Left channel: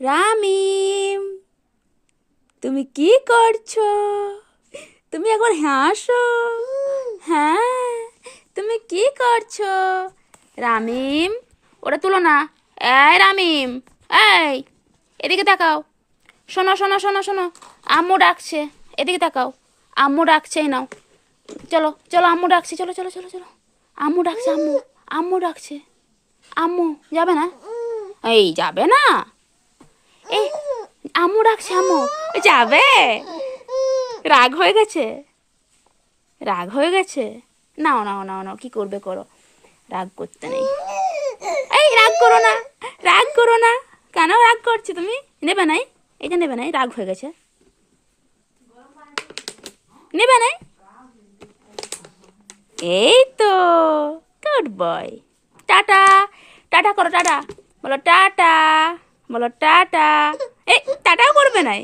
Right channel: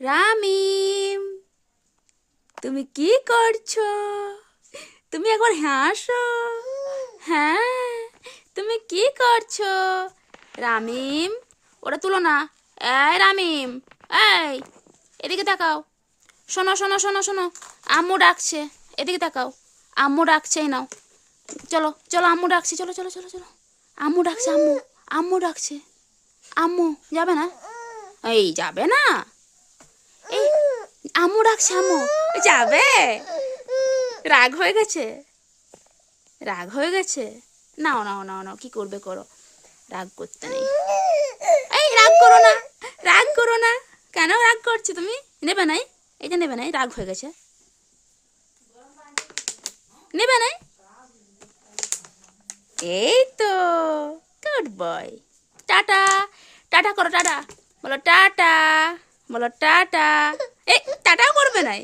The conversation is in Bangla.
রামিম, তুমি কি করছো? তুমি একবার হাসো। হ্যাঁ, তুমি কি করছো? রামিম, ওটা তুলো না। এই রামিম, এই, এদিকে তাকাও। শোনো শোনো শোনো শোনো, আম্মু ডাকছে। এদিকে তাকাও, আম্মু ডাকছে। এই নাও, চলো চলো, আম্মু ডাকছে, চলো চলো চলো চলো। আম্মু ডাকছে, আম্মু, আম্মু ডাকছে। আম্মু যাবে না? এই যাবে না? এই, আম্মু ডাকছে, আম্মু যাবে। রাগ হয়ে গেছে, রাগ হয়ে গেছে। নাও নাও নাও নাও, কি করবে করো, রাগ করতে নেই। এই রাগ করো না, রাগ করো না। কেন রাগ করছো তুমি? নেবে নাই? এই যে নেবে নাই, রাগ হয়ে গেছে। নেবে নাই? এই তো, গুড বয়। টাটা, টাটা করো, টাটা বলো, টাটা বলো, টাটা। এই টাটাও করবে নাই?